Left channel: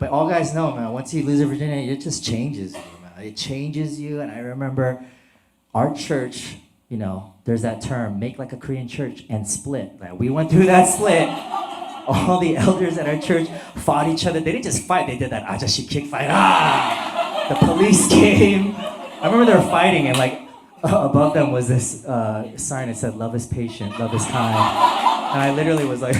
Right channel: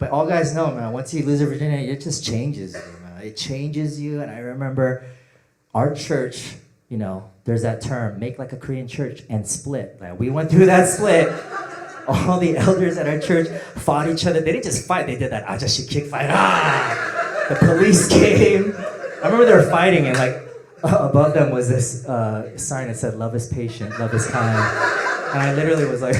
But all guys know, man, once you lose your virginity, it just changes you, man. It changes you. And I remember our church, you know, there's that term, make like a Korean church and split. Like we went through that split. All the elders at our church fought each other. They didn't just fight, they did that ajashi kick fight. Ah! The police came. I remember they were fighting and like above them was this sign that said, love is patient, love is kind. And I literally was like,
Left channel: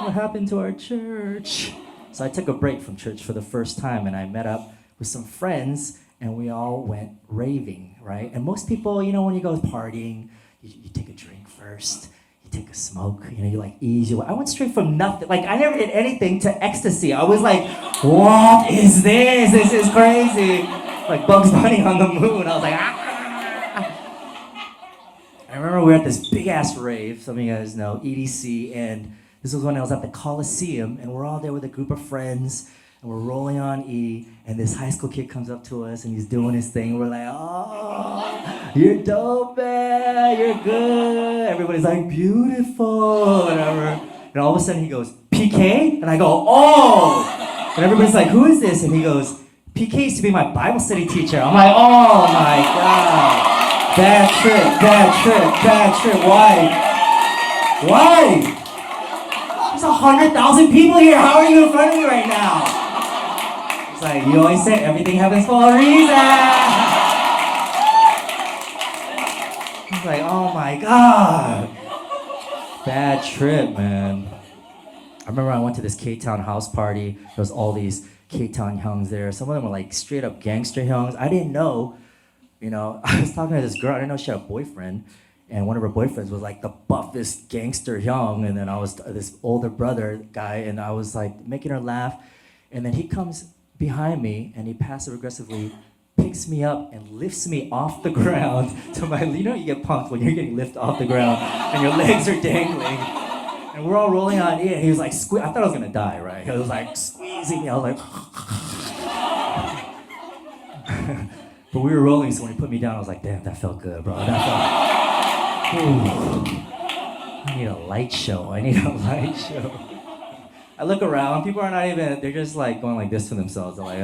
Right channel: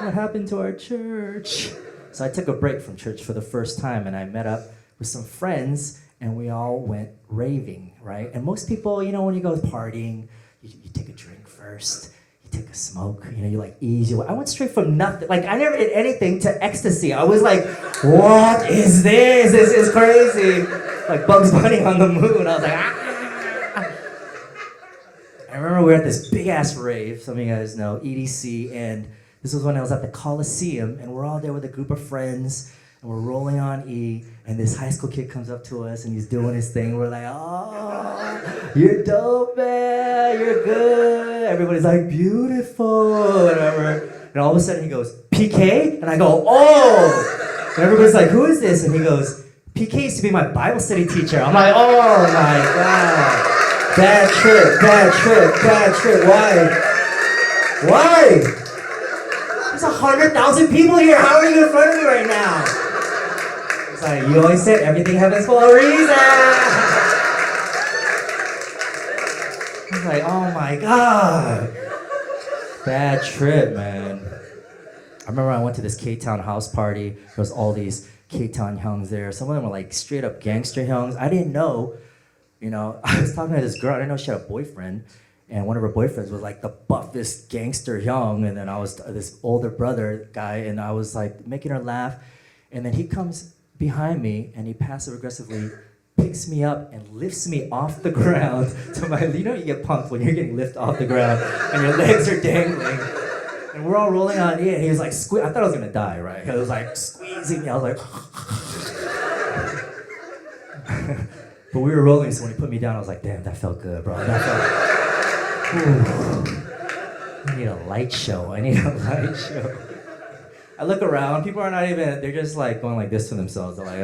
what happened to our church? So I took a break from church for the first time and I met up with some friends and we all went raving, right? And most people, you know, when you go partying, you take a drink first, you take a smoke, you know, you like ease your way. I went straight from nothing, like I never did anything to ecstasy. I was like, what is this? This is crazy. Like Bugs Bunny on the moon. I was like, ah. I remember we were at this big ass rave, some of you guys know, EDC, and this was when I was at the Coliseum, and we're all there with a group of friends, and we're rolling on E, and this high school kid comes up to us, and he's doing his thing. We're like, oh, you're dope, man, you're good. Everybody's like, beautiful, whatever. And all of a sudden he goes, PK? And I go, oh! And everybody's like, who is this? And he goes, PK used to be my Bible study teacher. I'm like, oh my God. Bad trip, bad trip, bad trip. Why? Why? There's 100,000 people here. How are you in front of me right now? It's like, you always said everything happens for a reason. It's like, oh my God. Bad trip, man. I remember I went to this K-Town house party. There was all these K-Town hyungs there. Some of them were like straight up gangster hyungs. I didn't know, you know, I was talking to this girl. I didn't know she had a boyfriend. And one of her boyfriends was like the buffest gangster hyung. And then I was this older brother guy. And I was like making her laugh. And then he comes behind me and he passive aggressively picks me up and lifts me off the ground to my, you know, you get punked when you're getting lifted off the ground and your legs are dangling. And we're all rolling on in, and he was like, I thought I was gonna die, right? He was like squeezing me, I was like, but we were rolling, so when he put me down, I was like, damn, that felt good, bro. That felt, ooh. I need a light show, I need a light show. I look around, people are not even, they're just like going like this to themselves. They're like,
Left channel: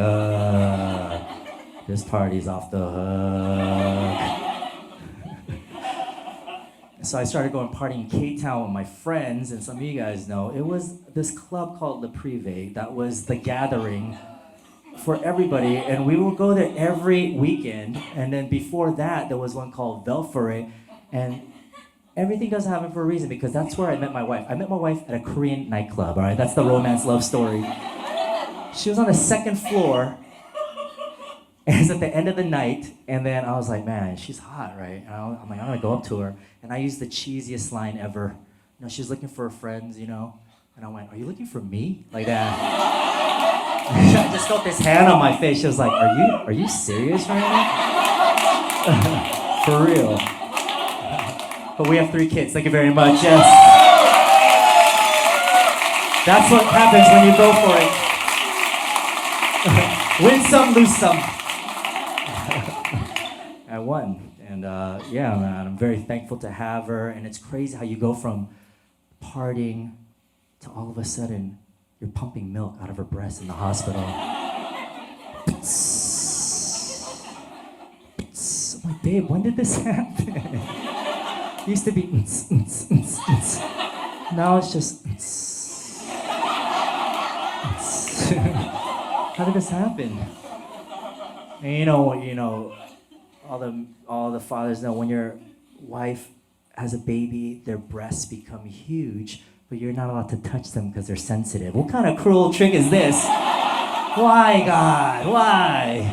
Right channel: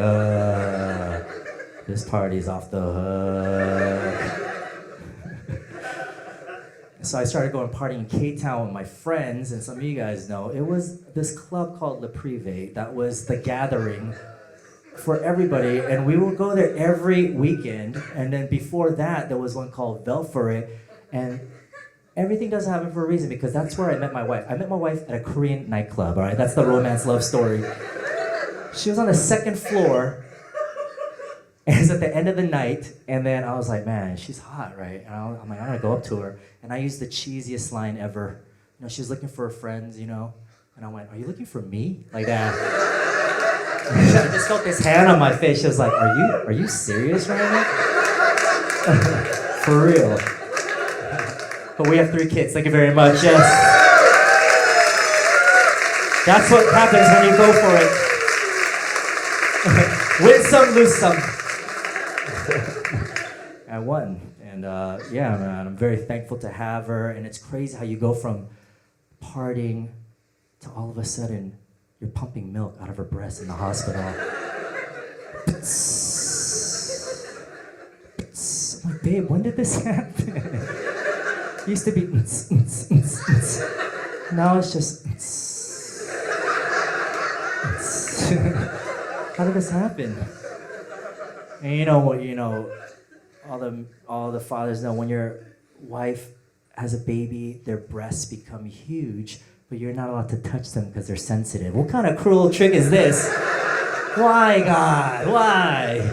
this party's off the hook. So I started going partying in K-Town with my friends, and some of you guys know, it was this club called Le Privé that was the gathering for everybody, and we would go there every weekend, and then before that, there was one called Velfore, and everything doesn't happen for a reason, because that's where I met my wife. I met my wife at a Korean nightclub, all right? That's the romance love story. She was on the second floor, and it's at the end of the night, and then I was like, man, she's hot, right? And I'm like, I'm gonna go up to her, and I used the cheesiest line ever. You know, she was looking for her friends, you know, and I went, are you looking for me? Like that. I just felt this hand on my face. She was like, are you serious right now? For real. But we have 3 kids, thank you very much, yes. That's what happens when you go for it. Win some, lose some. I won, and yeah, man, I'm very thankful to have her, and it's crazy how you go from partying to all of a sudden you're pumping milk out of her breast in the hospital. I'm like, babe, when did this happen? It used to be now it's just how did this happen? And you know, all the fathers know when your wife has a baby, their breasts become huge, but you're not allowed to touch them because they're sensitive. What kind of cruel trick is this? Why, God? Why?